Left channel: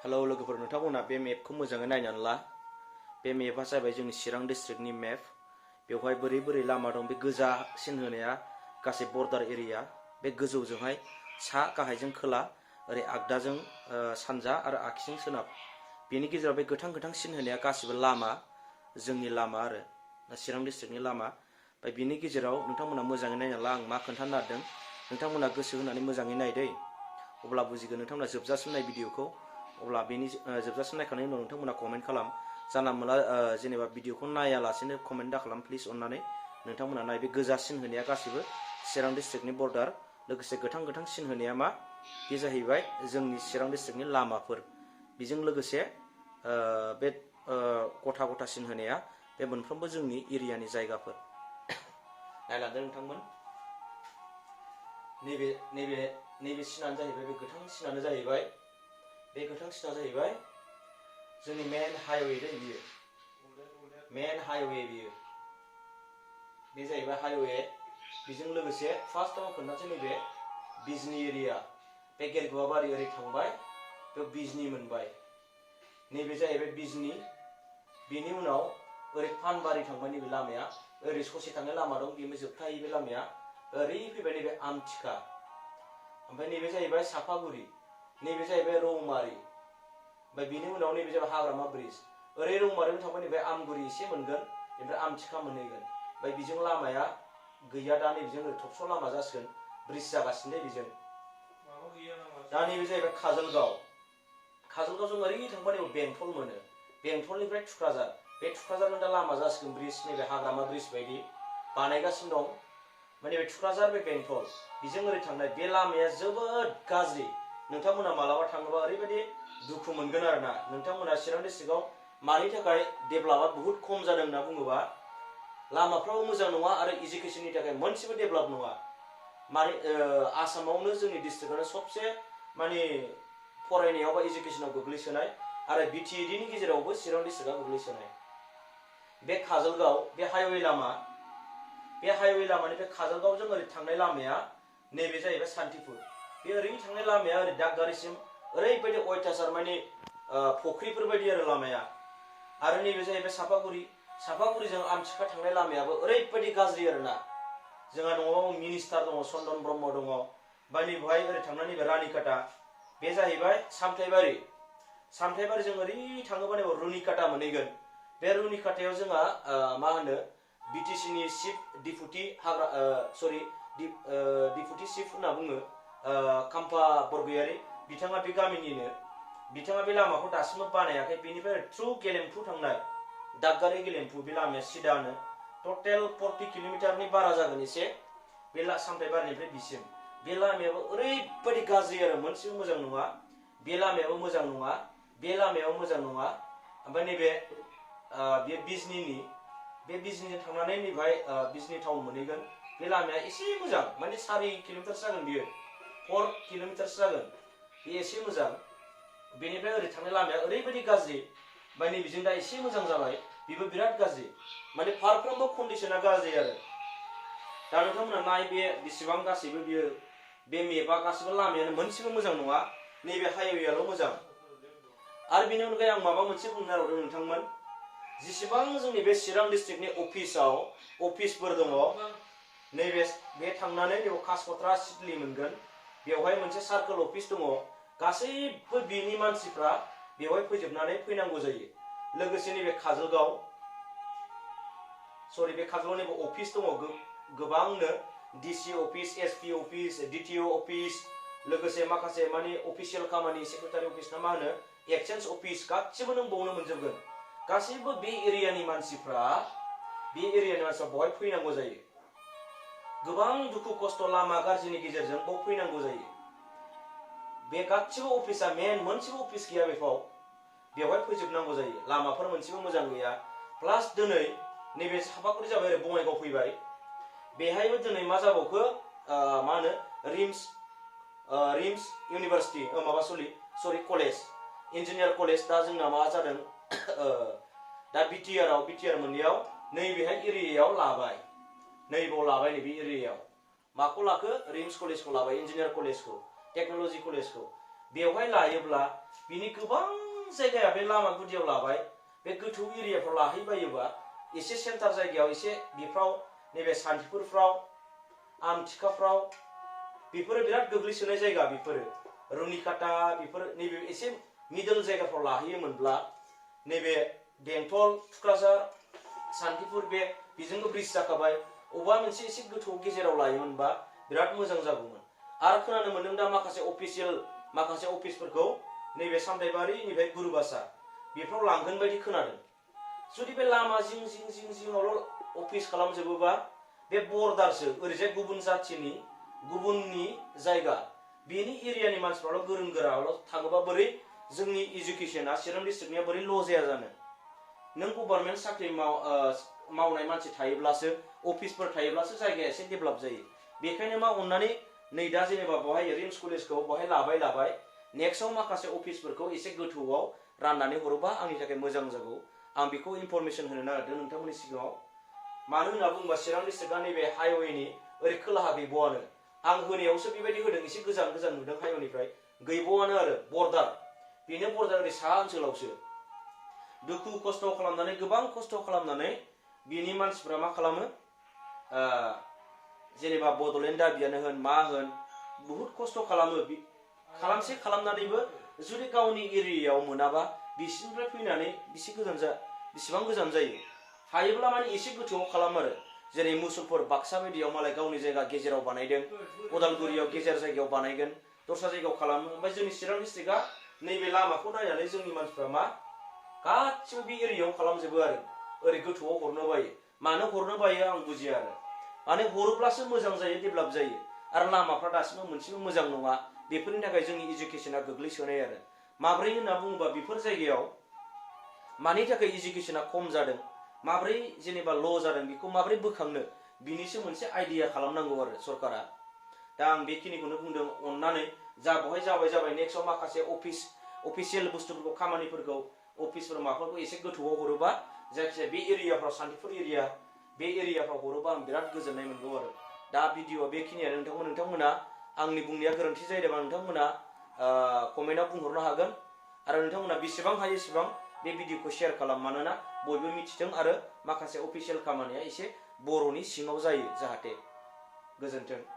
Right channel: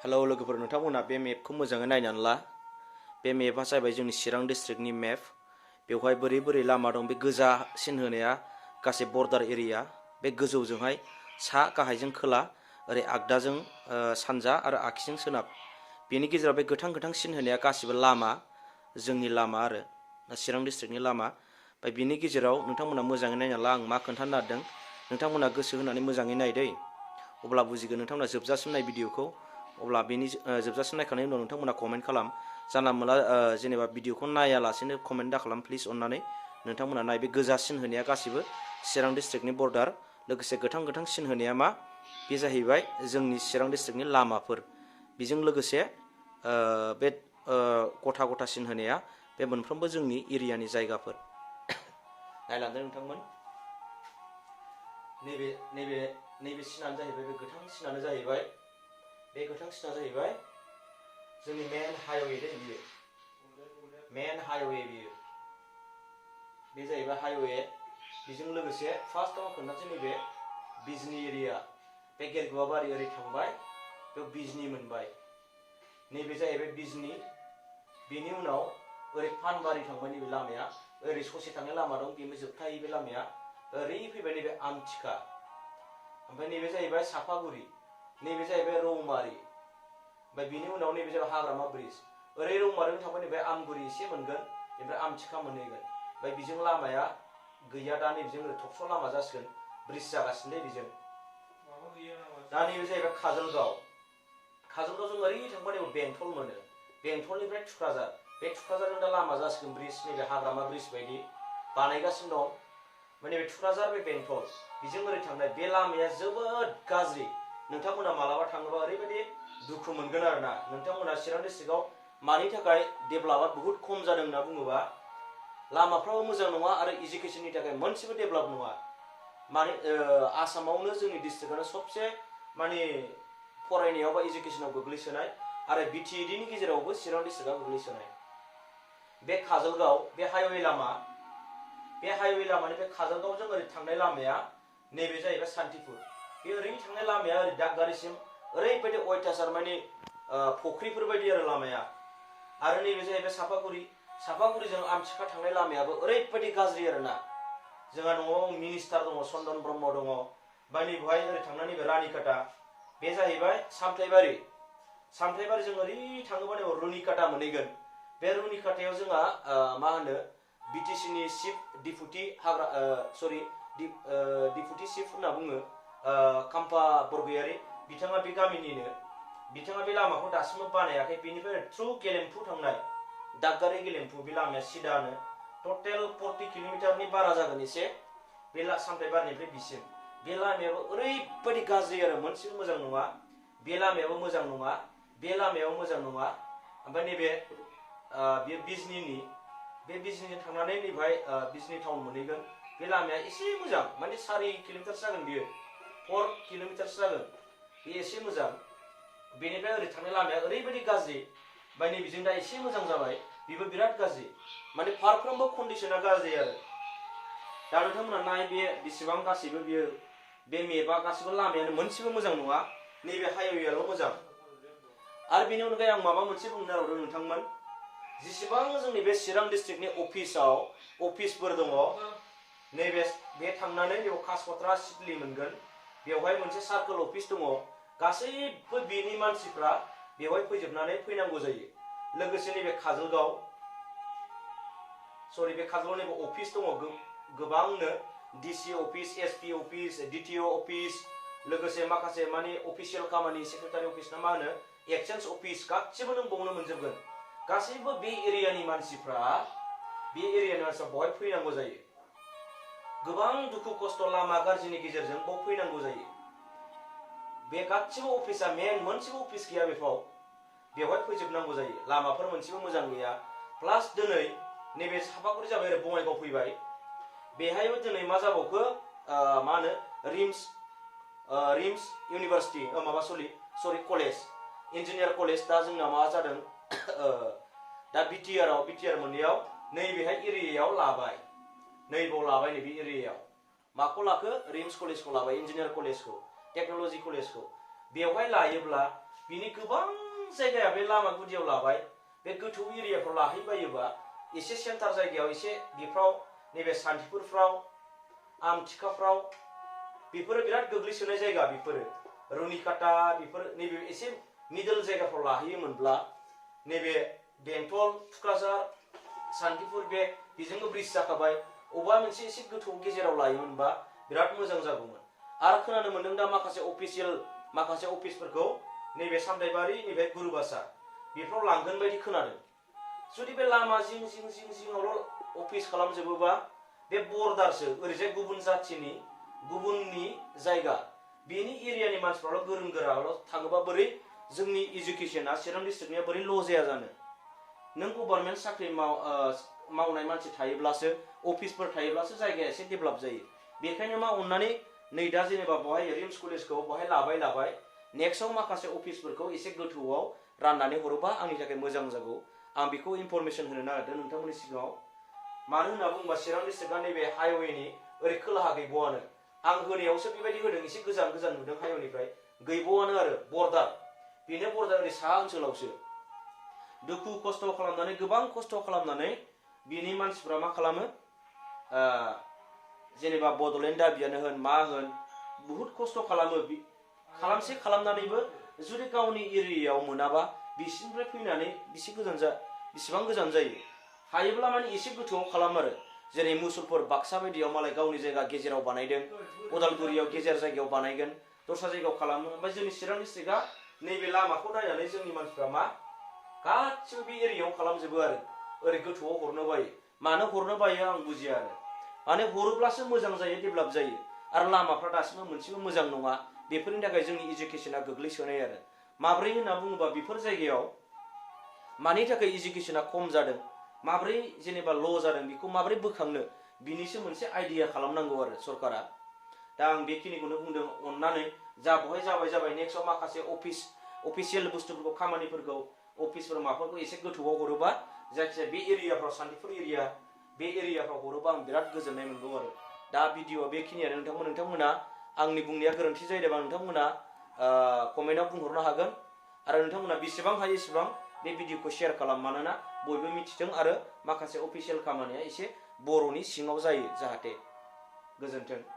Hello लोगोफोर, नोंथांमोना बे मेपखौ मोजाङै नायनानै ला। बे मेपआ जाबाय जोंनि चिरां डिस्ट्रिक्टनि मेप। बेवहाय बोरै बोरै लामा दं, बे गोजा सिन होनाया गासै बर्डार एरिया। बे गोजौजोंहाय सा, गाहायजों खोला, ओरै आगदाजों सानजा आरो आगसिजों सोनाब। बेनि गेजेराव बे गोथां गोथां सिन होनाया गासिबो लामा, जोंनि लामा आरो चिरां डिस्ट्रिक्टनि लामा। ओमफ्राय बिनि गेजेराव नोंथांमोना मोजाङै नायना ला, आं मा खोन्थानो नागिरदों। नोंथांमोना गोसो होनानै मोजाङै नाय दै, अब्ला बुजिगोन। नोंथांमोना जोबजासिम नाय भिडिअखौ। अब्ला बेनि जोबजासिम नायखांनायनि उनाव नोंथांमोना कमेन्ट खालाम। जानला मोनला जेनेबा भिडिअखौ नायालासेनो कमेन्ट दा खालाम प्लिज अननानै। नोंथांमोना नाय, बे गोजा सिन होनाया गासिबो चिरां डिस्ट्रिक्टनि बर्डार, लोगोसे गोथां गोथां सिन होनाया मा, बे जाहैबाय जोंनि चिरां डिस्ट्रिक्टनि लामाफोर। बेजों लोगोसे बे गथा गथा सिन होनाया बे मोनफ्रोमबो जोंनि एरियानि जायगाफोर। नायलांदो नोंथांमोन, नैबे नैबे नैबे सिनानो जाहैबाय, बे गोथां सिनानो जाहैबाय, बे गोथां सिना जाहैबाय जोंनि मेन हाइवे दै, बियो मेन हाइवे। बियो बे जाहैबाय हाइवे। बेजों लोगोसे फार्स्टआव खोन्थासै, नैबे बिजनी एरिया, बे गेरगुवाबारि ओरै थांबाय, बेयाव बिजनी मोनबाय। नैबे जाहैबाय बिजनी। बेनि उनाव ओरै पानबारि थांबाय, नैबे लामाया ओरै ससे थांनाय लामा दं, बेनो जोबथाहैयो बे लामाया। ओरै फैबाय नैबे आमथिखा। ओमफ्राय नैबे जाहैबाय सापागुरि, नैबे जाहैबाय रौमारि। ओमफ्राय बिनि उनाव नैबे जाबाय हाग्रामा ब्रिज। ओरै रौमारिजों थांबाय, नैबे आमगुरि एसे मोनगोन, बेनिफ्राय आमथिखा मोनहैगोन। ओमफ्राय बेजों लामाया गैया दा, नैबेजों ओरै थबस्र' लामा जासिगोन, ब्रिज जागासिनो दै बेजों। दा नैबे जाहैबाय काजलगाव। काजलगावजों ओरै थांबा नैबे बेंटल मोनो, बेंटलनिफ्राय थुक्राझार। बे थुक्राझारजों दा लामा जासिगोन ब्रिज, नैबे हाग्रामा ब्रिज बायदि बानायगासिनो दं। माने बे थुक्राझार, बे बेंटल, बेजों ओरै थांनाय बे लामाया जोबोद गाज्रि। नोंथांमोना मालाबा थाङोबा ओरैबायदि दुखु मोनगोन आरोना। नोंथांमोना चिरां डिस्ट्रिक्टआव मानि थाखाय डेभेलपआ बुहुत खम जादों होनना बुङोबा, लामाफ्राबो मोजां नङा आरो इडुकेसननि थाखाय मोनसेबो डेभेलप नङा। माने आसामावनो जोंनि डिस्ट्रिक्टआनो सबसे माने फरायनायाव बा इडुकेसनाव गोग्लैसोनाय, आरो बिटिएडिनि गेजेरावबो चिरां डिस्ट्रिक्टआ गोग्लैसोनाय। बे काजलगाव, बे हाइवे लामा, बे हाइवे लामानिफ्राय काजलगावजों ओरै थांनाय लामाया नैबे जाहैबाय सान्तिपुर। बे ओरै थांनाय लामाया ओरै दागगारिसिम ओरैबायदि अयथासार, माने फुख्रिफोर बायदि आरो लामाया। आरो नैबे जाहैबाय सापागुरि। सापागुरिजों आमथिखा थांनाय लामायाबो ओरैबायदि गाज्रि आरोना। जोंहा न'आव मिनिस्टार दङ, चन्दन ब्रह्म दङ। ओमफ्राय नैबेहाय ओरै थांनानै नैबे रानिखाता, बे जाहैबाय सामथाइबारि। सामथाइबारिजों ओरै थाङोबा नैबे रुनिकाटा मोनहैगोन। बे रुनिकाटायाव जोंहा मा होनो, बिटिसिनि चिफ डिपुटि डिपुटि चिफ होनना बुङो, खाम्फा बरगयारि। बिथाङा बे गामिनिनो। बिथाङा बे लामाखौ दासिमबो बानायाखै। बेनिफ्राय थ्रु गेलेमफु थांनाय, दागगारि गेलेमफु, बे लामाया सिदानो टटेल 40 किल'मिटारनि बारा जागोन एसे, बे सामथाइबारिनिफ्राय बिसिम। बे लामायाबो ओरैबायदि गाज्रि आरो, मोनसेबो मोजां नङा। बे लामायाबो मोजां नङा, बे लामायाबो मोजां नङा। ओमफ्राय नैबे बे बिजनीनि, बे बिजनीजों थांनानै नैबेहाय बिजनी टाउन मोनहैगोन। बे लामाया एसे मोजां, माने 4 किल'मिटारसो जागोन बियो, 4 किल'मिटारसो जागोन, बे एसे मोजां। बेनिफ्राय ओरै थांनाय लामाया ओरैबायदि गाज्रि, ओमफ्राय नैबेजों दा एसे मोजां जाबाय, बेबो बिराद गाज्रि। माने फारफ्रोमबो कन्डिसना गाज्रि आरो। दा नोंथांमोना नाय, बे बेसेबां गासैबो बियो, बे मेपआ गासैबो लामायानो मोनसेबो मोजां नङा, नैबे हाइवेआल' मोजां। आरो बेनि अनगायै आं माबा मोनसे बुंनो नागिरदों नोंथांमोन, जेसेबां जोंनि बे चिरां डिस्ट्रिक्टनि अफिसफोर दङ, नैबे बे थांनानै नैबे कासकट्रा सिडली मोनगोन। बेवहाय मोनसे सार्कोल अफिस दङ, गासैबो बेनि मानसिफ्रा बेवहाय फैजोबनानै फैनांगौ जायो। लोगोसे नैबे काजलगाव, बे काजलगावनिबो अफिस दङ गोबांनो, DC office, SP office, DTO office, लोगोसे माखासे माने अफिसियेल खामानि, सेक्रेटारि अफिस ना मा होनो, एक्सचेन्ज अफिस, गासिबो नों बावनो मोनजोबगोन। गासैबो बे एरियानि मानसिफ्रा बेवहाय फैनांगौ जायो। गोबां दुखु खस्थ' लामा गाज्रिनि गेजेरजों बाव फैनांगौ जायो। बे गासिबो अफिसा मेन मोनसेबो अफिस गैया बेवहाय फैजोबनांगौ जायो। लामाफोर मोनसेबो मोजां गैया। प्लास दिनै नैबे सापागुरि जाबाय, ओरै बङाइगाव फैबाय। बेहायबो दिनै मा जाबावखो, मा होनो, RIMS university, college, engineer college. दा जोंना मा जादों, दा बिटिआर मोननायाव नैबेहाय एरियायाव लाबाय, नैबाव लाबाय, नैबे एरियायाव माखौ लाखो, रिम्स कलेजखौ लाबाय, इन्जिनियार कलेजखौ, टेक्न'लजि कलेजखौ। बेवहाय लायोब्ला बिनि गोबां जायगाया बे लामा गुदियाव लाबाय, बे गोथौ एरियाफ्राव लाहैबायोबा एसे सेन्टार जायगायाव एसे बेफ्राव नैबे सान्थिफुरफ्राव आमथिखाफ्राव बेफोरो बिराद गोग्लैसोनाय जायगा, बेफोरो रुनिकाटा बेफोर नैबे एसे मिडल जायगाफ्राव लाहैयोमोनब्ला नैबे बेंटल थुक्राझार सान्थिफुर बे बेजोंबो ब्रिज जाखाबाय, अबेबा मोनसे एसे गोथौ गेजेराव लायोमोनबा बिराद मोजां जागौमोन। आरो खोनानो मोनदों दा माखासे अफिसफोरखौ नैबे सामथाइबारिनिफ्राय गुरुबासा बेफ्राव लांगोन बायदि खोनादों। जुदि बे लामा जिं जिं जिं जिङावल' अफिस खालामजोबोबा बे बर्डारसो, ओरैजाय गुबुन जाथिनि गुबुननि जायगा, बेनि एरियानि मानसिफ्राल' गोरों गोराल' थाङोबा बोरै जोंनि इडुकेसना चिरां डिस्ट्रिक्टनिया बोरै ल' जाया जानो? नों गभर्नमेन्ट साख्रि मावनाय मानसि थायोब्लासो, अफिसफोर थायोब्लासो जायगाया एसे डेभेलप जायो। बेखायनो मा अननानै नै दा जेनेबा बहाय रिम्स कलेजखौ बहाय लाबाय नेक्स्टआव माखासे अफिसफोरखौ एसे गोथौआव राननानै हरोबा आंनि थाखाय मोजां जागौ। आं बेखौ इनफरमेसन होनो नागिरदों नोंथांमोननि सिगाङाव। मानो होनना बुङोबा चिरां डिस्ट्रिक्टआ नैबे हाइवेनि ओरै खोलाहा गैबावानो। आं होनायावसो बेबायदि होदों, एसे गोजान गोजान नुदों हाइवेनिफ्राय, गैबावानो आरो बर्डार, बेनो बर्डार ओरै साहा ओनसोलावसो। दुखु खस्थ' खालामनानै, गोबां खस्थ' खालामनानै बिनि मानसिफ्रा मा खालामो, जेनेबा बड'लेण्ड दाबियानो होन मा होन बुहुत खस्थ' खालामो, खालामनानैबो जुदि गावनि एरियायाव मोनाबा बिसिनिफ्राय फैनानै बेसेबां गोजान जायो। हायोब्ला माने एसे गोथौआव खालाम आरो, जेरै मुसलपुर बाक्सा बायदियाव मालाय गावनि जायगा गेजेराव बानायदों, उदालगुरियाव गेजेर जायगायाव बानायगोन, दस्रा जायगायाव खालामो। ओमफ्राय जोंनि चिरां डिस्ट्रिक्टआ नैबे लामाखौ नायनानै जोंनि मानसिफ्रा मा गासिबो बे एरियायाव खालामजोबो आरो ओरै गोथौआव हरनो बायो। मानो हरनो बायो आं बुजिया आरो, माने हरोब्लासो मोजां जायो, डेभेलप जायो। आरो लामाफ्रा दासिमबो मोनसेबो मोजां नङा, बेफोरनि थाखाय जोंनि इडुकेसना गोग्लैसोनाय आरो। माब्रै होनना बुङोबा बेफोर जायगायाव मानि थाखाय इडुकेसना खम जादों, माब्रै जेनेबा ल' जादों, बेखौ माब्रै बोखांनो, बिनिसो मोनसे आइडिया खालामनांगौ आरो सरकारा। दा आं बेखिनिखौनो बुंदों। अननानै जा बहाय जाबाय नेक्स्टआव माखासे अफिसियेल बुस्थुफोरखौ, खामानिफोरखौ, अफिसफोर माबाफोरखौ एसे गोथौआव हरोबा, जायखिजाया बे एरियाफ्राव सान्तिपुर एरिया बे एरियाफ्राव हरोबा आं बिराद गोजोननाय मोनगौ आरो। दा भिडिअ'आ बेखिनियानो। नोंथांमोना आंनि बुंनाया गोरोन्थि जायोबा नोंथांमोना कमेन्टआव बुंहरनो हागोन। आरो नोंथांमोना बेसेबां हायो एसेबां बे भिडिअ'खौ शेयार खालाम, मानोना बयबो मिथिथों आरो माखासे अफिसियेल खामानिया एसे बर'नि सिङाव जायो जाहाथे। गोजोन्थों।